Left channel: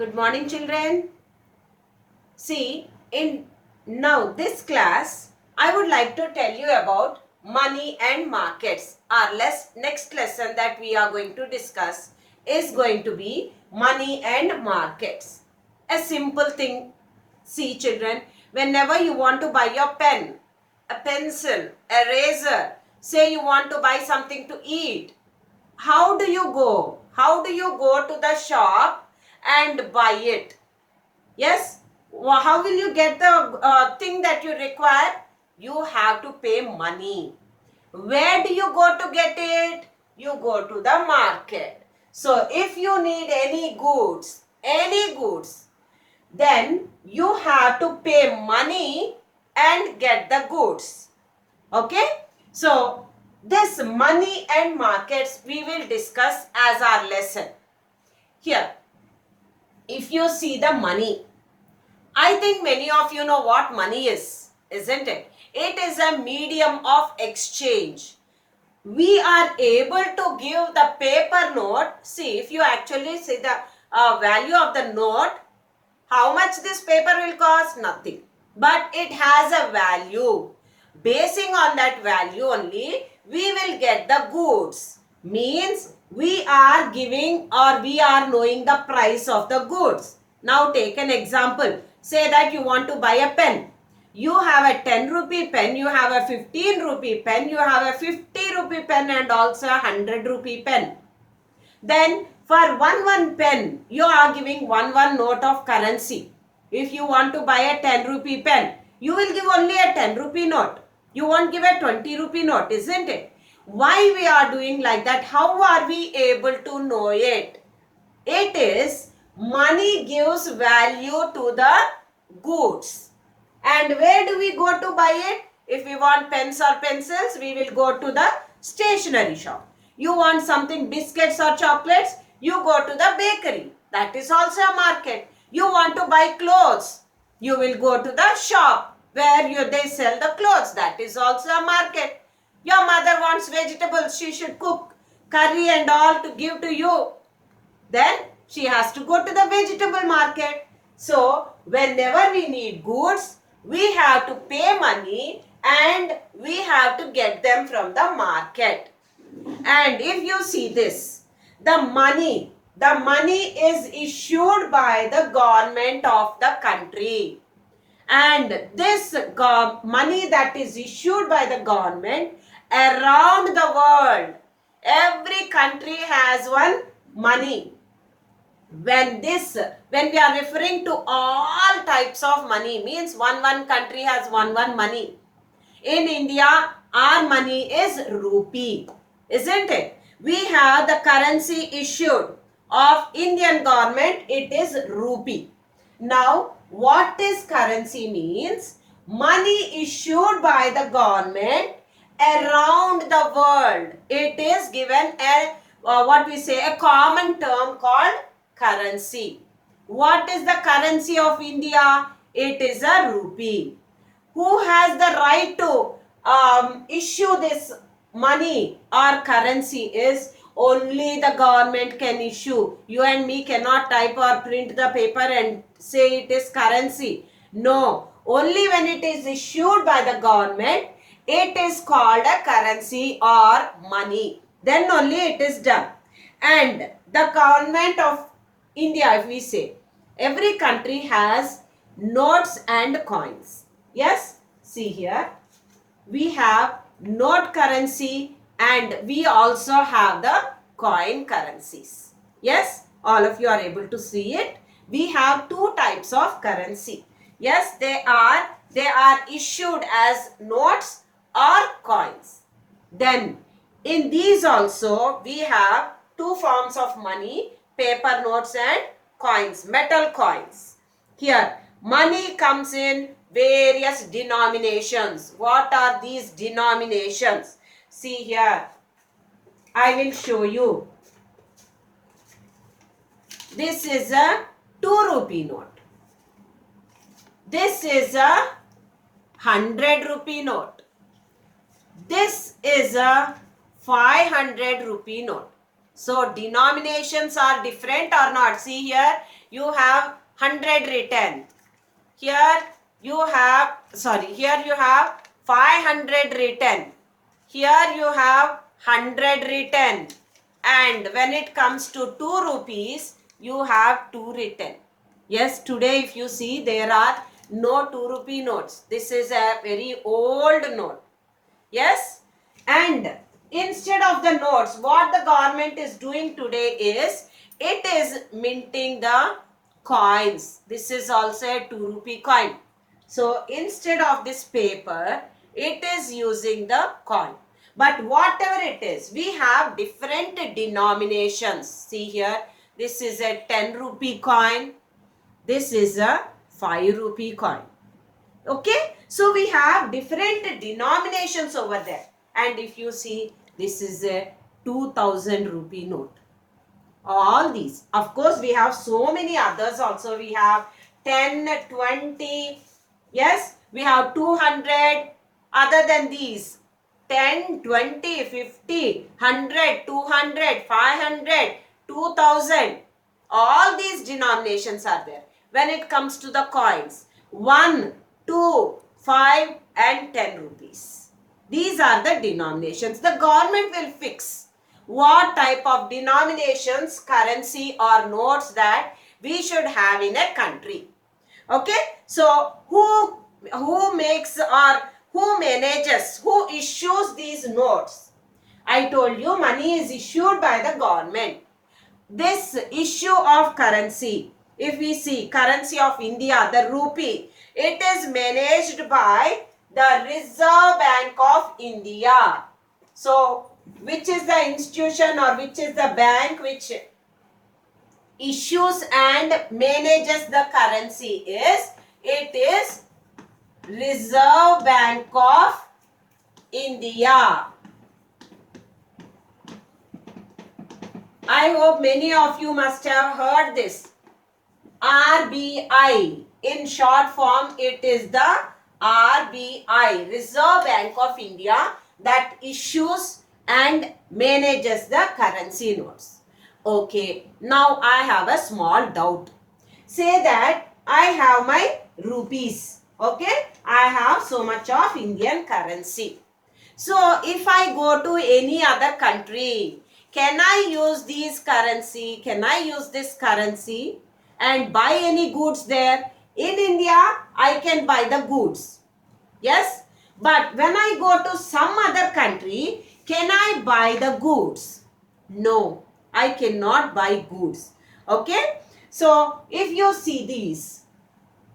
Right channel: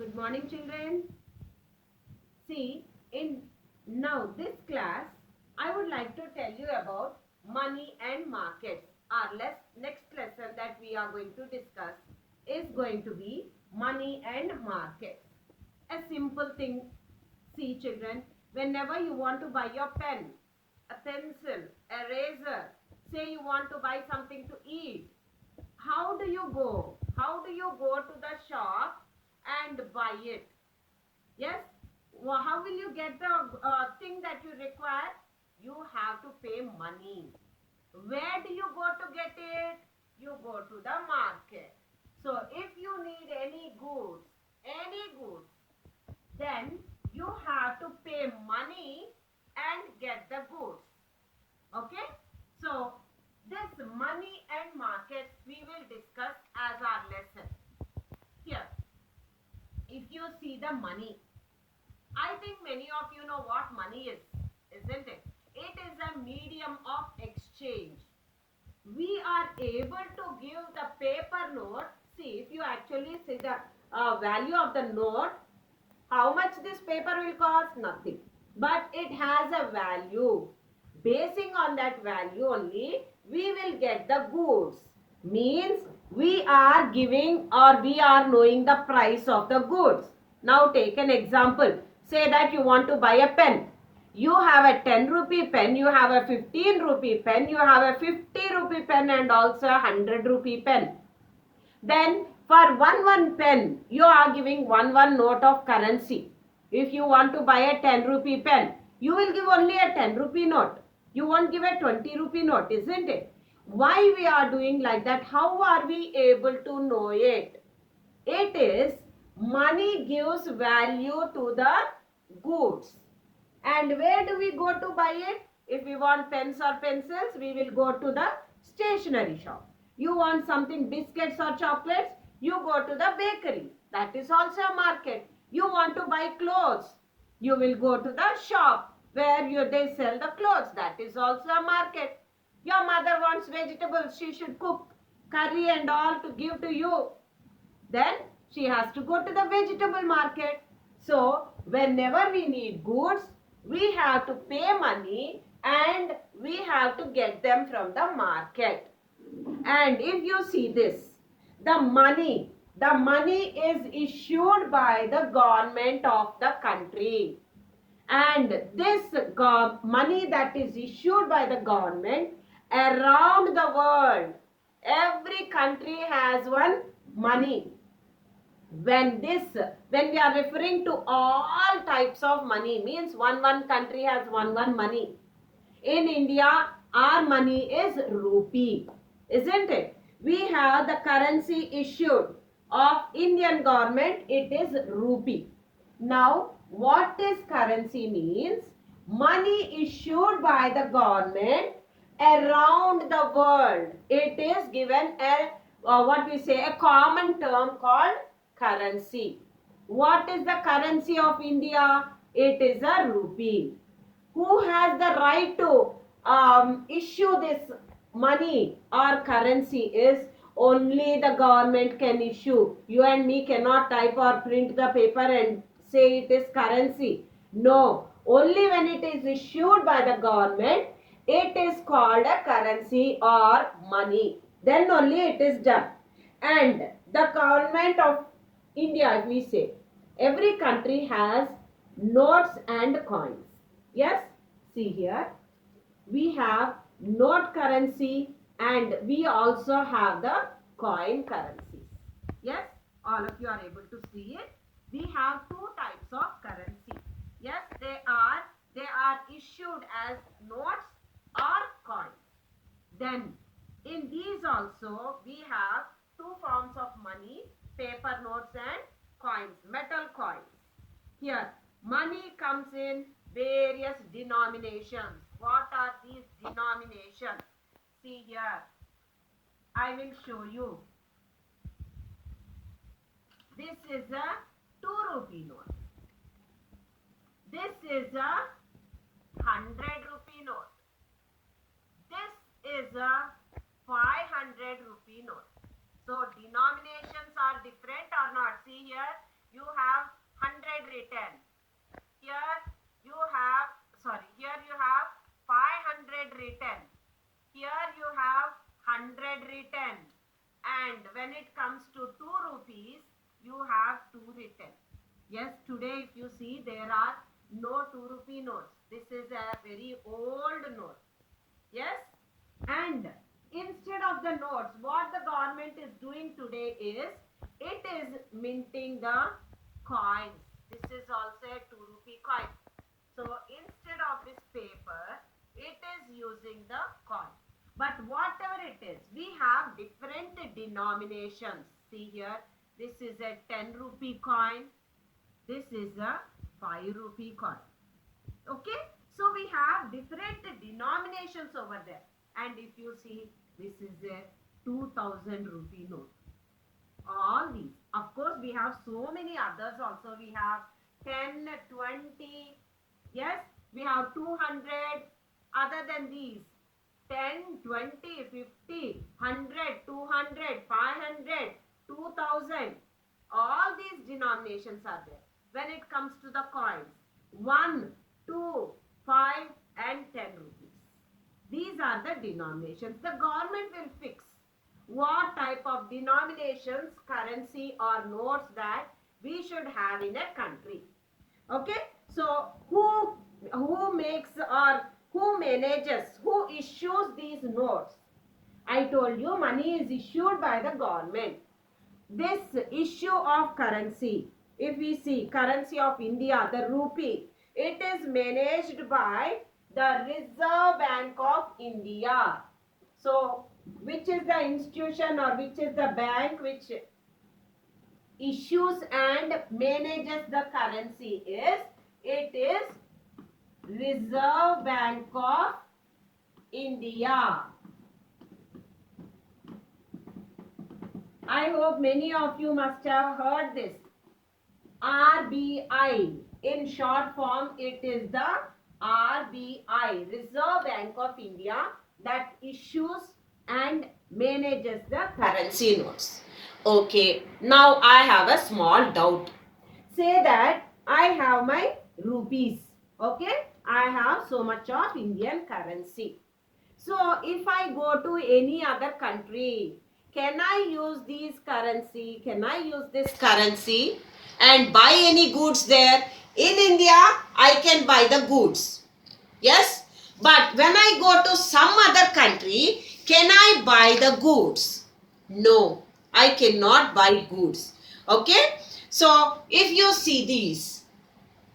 Good morning, children. See, in now this class, I would like to tell you about money and markets. Our next lesson that we are going to discuss is going to be money and markets. A simple thing. See, children, whenever you want to buy your pen, a pencil, eraser, say you want to buy something to eat, how do you go? How do you go to the shop and buy it? Yes. How will you get the thing that you require? You have to pay money. Where do you go to get it? You go to the market. So if you need any goods, then you have to pay money and get the goods. Okay? So this money and markets we will discuss as our lesson. Here, if you see the money, I think many of you know what money is, isn't it? It is a medium of exchange. We are able to give the paper note. See, if you actually see the value of the note, how much this paper will cost? Nothing. But it has a value. Basing on that value only, we will get the goods. Means we are giving or we are knowing the price of the goods. Now take an example. Say that you want to buy a pen. You have a 10 rupee pen, you have a 15 rupee pen, you have a 50 rupee pen and also a 100 rupee pen. Then for one pen, you are giving one note of currency. If you want to buy a 10 rupee pen, you will give only a 10 rupee note. You won't give a 20 rupee note, isn't it? Why we are doing like that? How are we able to know it? It is money gives value to the goods. And where do we go to buy it? If we want pens or pencils, we will go to the stationery shop. You want something biscuits or chocolates, you go to the bakery. That is also a market. You want to buy clothes, you will go to the shop where they sell the clothes. That is also a market. Your mother wants vegetables, she should cook curry and all to give to you. Then she has to go to the vegetable market. So whenever we need goods, we have to pay money and we have to get them from the market. And if you see this, the money is issued by the government of the country. And this money that is issued by the government around the world, every country has one money. When we are referring to all types of money, means one country has one money. In India, our money is rupee, isn't it? We have the currency issued of Indian government, it is rupee. Now, what is currency means? Money issued by the government around the world. It is given a a common term called currency. What is the currency of India? It is a rupee. Who has the right to issue this money or currency? Is only the government can issue. You and me cannot type or print the paper and say it is currency. No, only when it is issued by the government, it is called a currency or money. Then only it is done. And the government of India, if we say, every country has notes and coins. Yes, see here, we have note currency and we also have the coin currencies. Yes, all of you are able to see it. We have two types of currency. Yes, they are issued as notes or coins. Then in these also we have two forms of money, paper notes and coins, metal coins. Here money comes in various denominations. What are these denominations? See here, I will show you. This is a 2 rupee note. This is a 100 rupee note. This is a 500 rupee note. So denominations are different or not? See here, you have 100 written. Here you have, here you have 500 written. Here you have 100 written. And when it comes to 2 rupees, you have 2 written. Yes, today if you see, there are no 2 rupee notes. This is a very old note. Yes, and instead of the notes, what the government is doing today is, it is minting the coins. This is also a 2 rupee coin. So instead of this paper, it is using the coin. But whatever it is, we have different denominations. See here, this is a 10 rupee coin. This is a 5 rupee coin. Okay, so we have different denominations over there. And if you see, this is a 2000 rupee note. All these. Of course, we have so many others also. We have 10, 20. Yes, we have 200. Other than these, 10, 20, 50, 100, 200, 500, 2000. All these denominations are there. When it comes to the coins, 1, 2, 5 and 10 rupees. These are the denominations. The government will fix what type of denominations, currency or notes that we should have in a country. Okay, so who makes or who manages, who issues these notes? I told you, money is issued by the government. This issue of currency, if we see currency of India, the rupee, it is managed by the Reserve Bank of India. So, which is the institution or which is the bank which issues and manages the currency is, it is Reserve Bank of India. I hope many of you must have heard this. RBI. In short form, it is the RBI, Reserve Bank of India, that issues and manages the currency notes. Okay, now I have a small doubt. Say that I have my rupees. Okay, I have so much of Indian currency. So, if I go to any other country, can I use these currency? Can I use this currency and buy any goods there? In India, I can buy the goods. Yes? But when I go to some other country, can I buy the goods? No, I cannot buy goods. Okay? So, if you see these,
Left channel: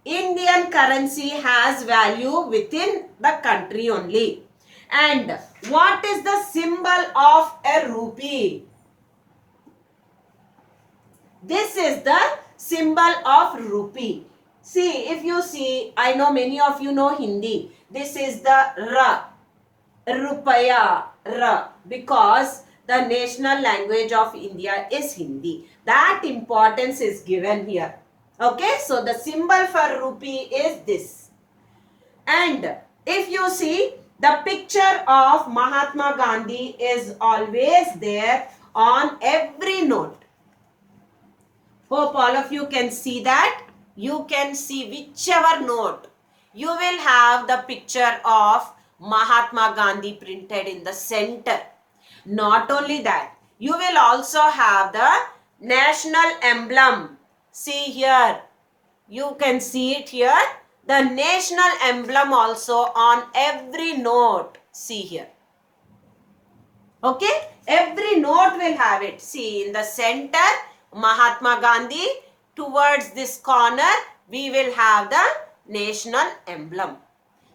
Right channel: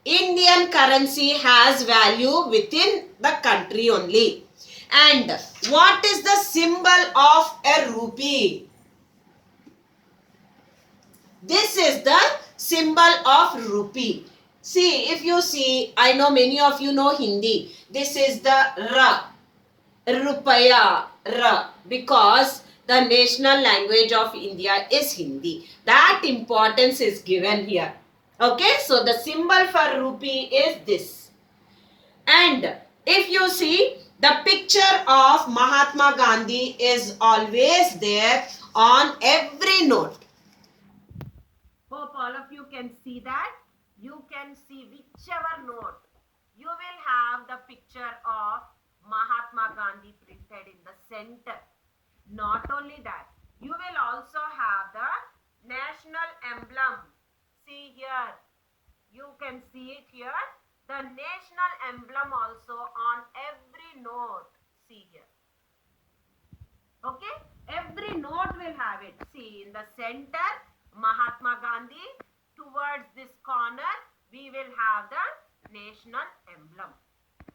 Indian currency has value within the country only. And what is the symbol of a rupee? This is the symbol of rupee. See, if you see, I know many of you know Hindi. This is the Ra, Rupaya, Ra, because the national language of India is Hindi. That importance is given here. Okay, so the symbol for rupee is this. And if you see, the picture of Mahatma Gandhi is always there on every note. Hope all of you can see that. You can see whichever note, you will have the picture of Mahatma Gandhi printed in the center. Not only that, you will also have the national emblem. See here, you can see it here. The national emblem also on every note. See here. Okay, every note will have it. See, in the center, Mahatma Gandhi. Towards this corner, we will have the national emblem.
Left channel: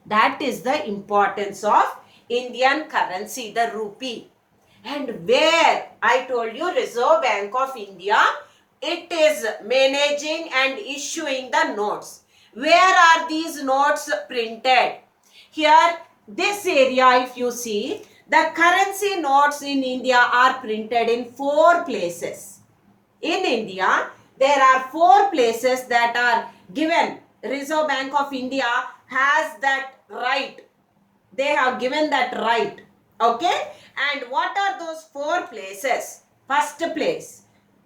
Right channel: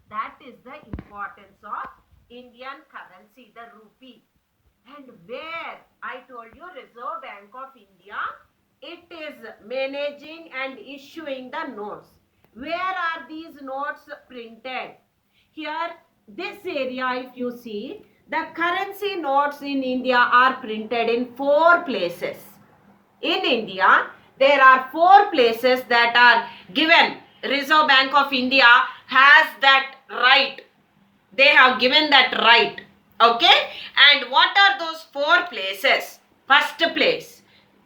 That is the importance of Indian currency, the rupee. And where, I told you, Reserve Bank of India, it is managing and issuing the notes. Where are these notes printed? Here, this area, if you see, the currency notes in India are printed in 4 places. In India, there are 4 places that are given. Reserve Bank of India has that right. They have given that right. Okay? And what are those 4 places? First place,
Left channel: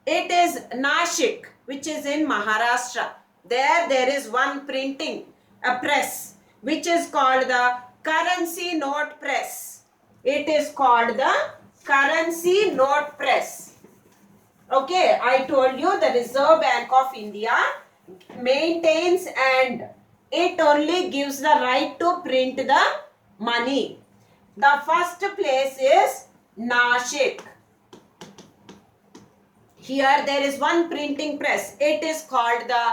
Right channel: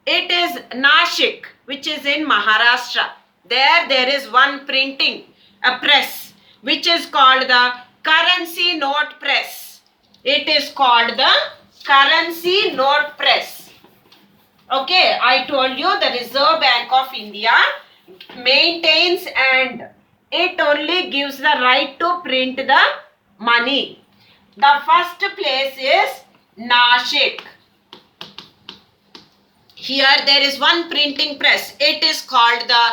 it is Nashik. which is in Maharashtra. There is one printing, a press, which is called the currency note press. It is called the currency note press. Okay, I told you the Reserve Bank of India maintains and it only gives the right to print the money. The first place is Nashik. Here there is one printing press. It is called the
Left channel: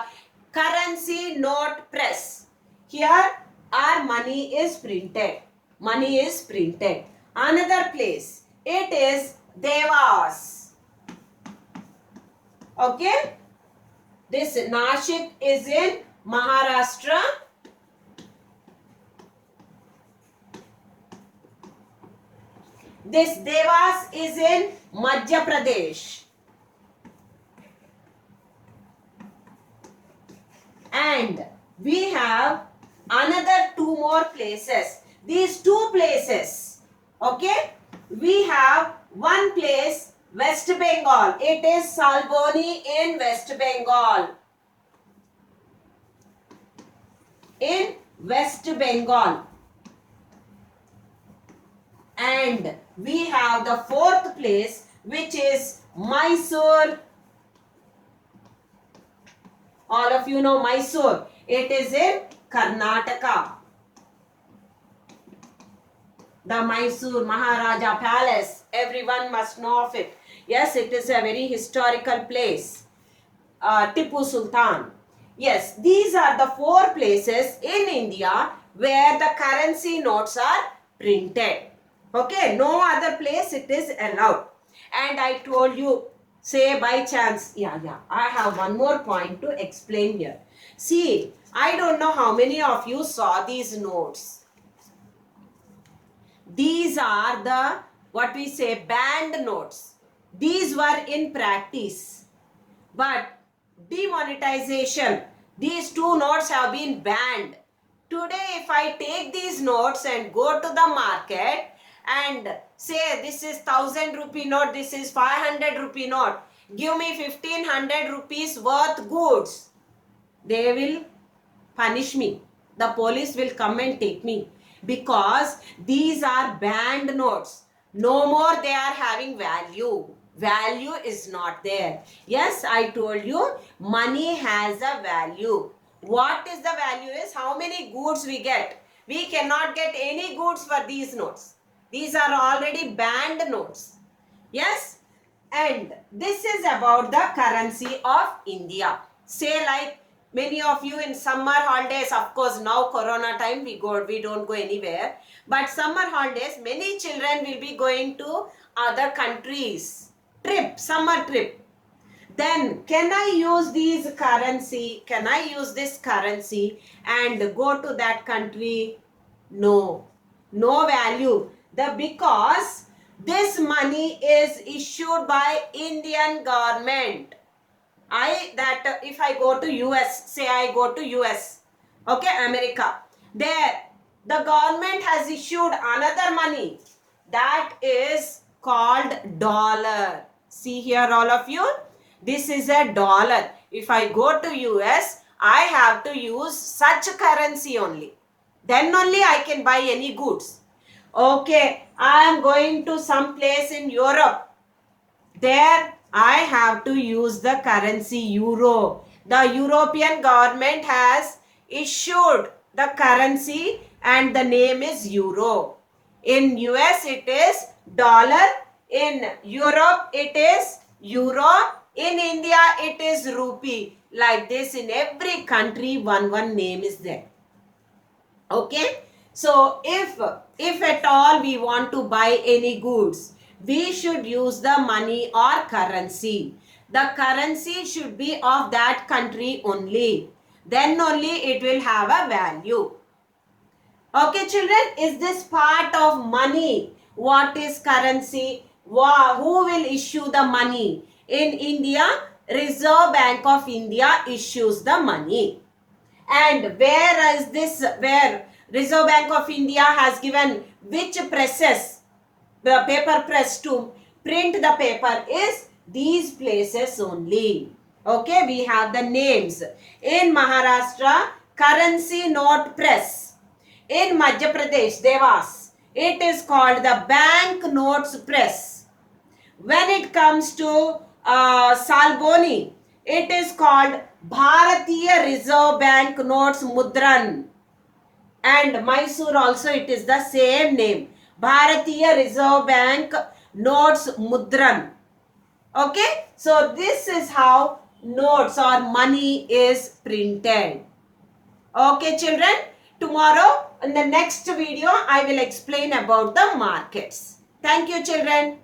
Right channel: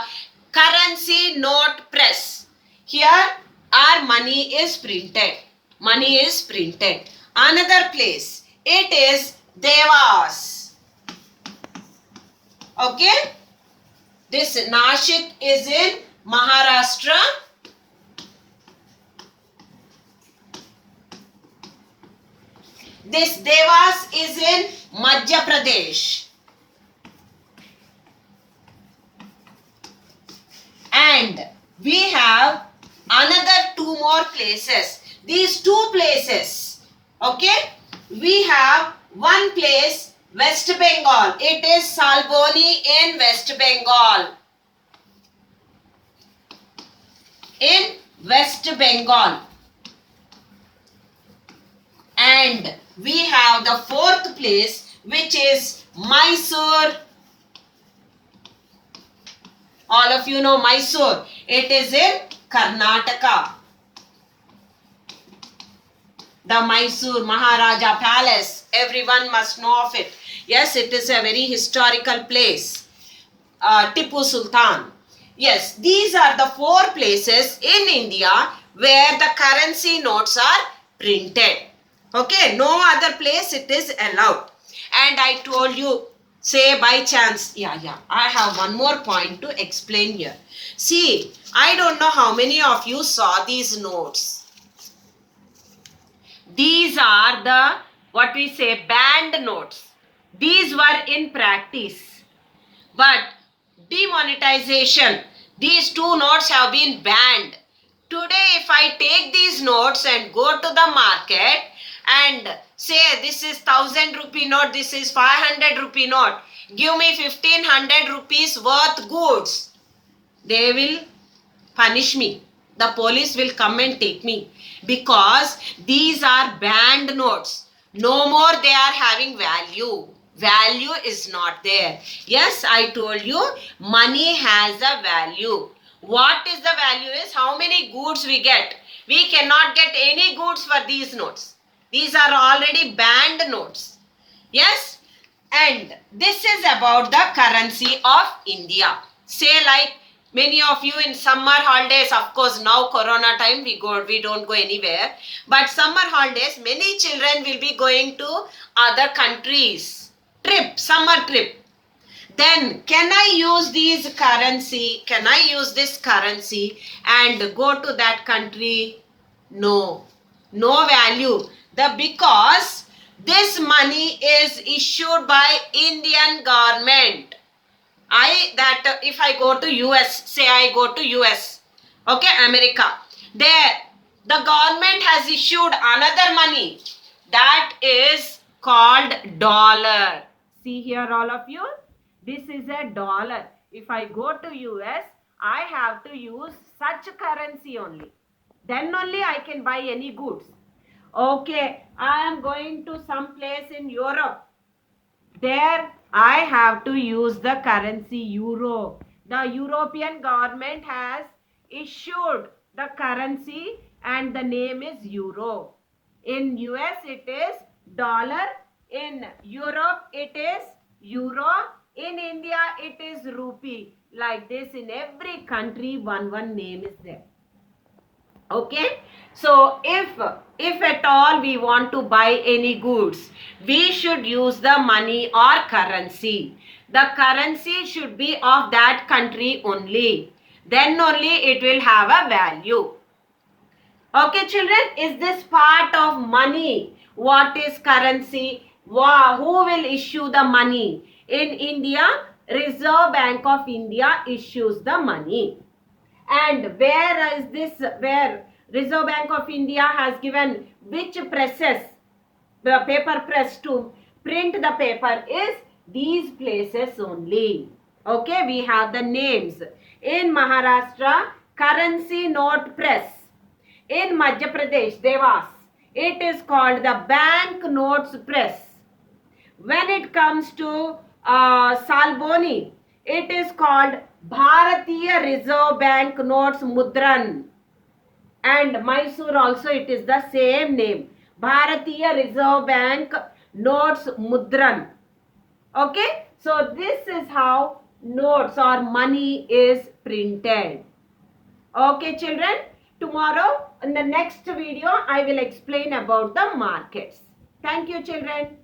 currency note press. Here our money is printed. Money is printed. Another place, it is Devas. Okay. This Nashik is in Maharashtra. This Devas is in Madhya Pradesh. And we have another two more places. These two places, okay, we have one place, West Bengal. It is Salboni in West Bengal. In West Bengal. And we have the fourth place, which is Mysore. All of you know Mysore. It is in Karnataka. The Mysore Maharaja Palace. Everyone must know of it. Yes, it is a very historical place. Tipu Sultan. Yes, these are the four places in India where the currency notes are printed. Okay, no other place it is allowed. And I told you, say by chance, I have one more point to explain here. See, I don't know how many of you saw these notes. These are the, what we say, banned notes. These were in practice. But demonetization, these two notes have been banned. Today, if I take these notes and go to the market and say this is 1000 rupee note, this is 500 rupee note, give me 1500 rupees worth goods, they will punish me. The police will come and take me because these are banned notes. No more they are having value. Value is not there. Yes, I told you money has a value. What is the value is how many goods we get. We cannot get any goods for these notes. These are already banned notes. Yes, and this is about the currency of India. Say like many of you in summer holidays, of course now corona time we don't go anywhere. But summer holidays, many children will be going to other countries. Summer trip. Then can I use this currency and go to that country? No. No value. Because this money is issued by Indian government. If I go to US, say I go to US, okay, America, there the government has issued another money that is called dollar. See here all of you, this is a dollar. If I go to US, I have to use such currency only. Then only I can buy any goods. Okay, I am going to some place in Europe. There I have to use the currency euro. The European government has issued the currency and the name is euro. In US it is dollar. In Europe it is euro. In India it is rupee. Like this in every country one name is there. Okay. So if at all we want to buy any goods, we should use the money or currency. The currency should be of that country only. Then only it will have a value. Okay children, is this part of money? What is currency? Who will issue the money? In India, Reserve Bank of India issues the money. And where Reserve Bank of India has given which presses, the paper press to print the paper is these places only. Okay, we have the names. In Maharashtra, currency note press. In Madhya Pradesh, Devas, it is called the bank notes press. When it comes to Salboni, it is called Bharatiya Reserve Bank Notes Mudran. And Mysore also it is the same name. Bharatiya Reserve Bank Notes Mudran. Okay, so this is how notes or money is printed. Okay, children, tomorrow in the next video I will explain about the markets. Thank you, children.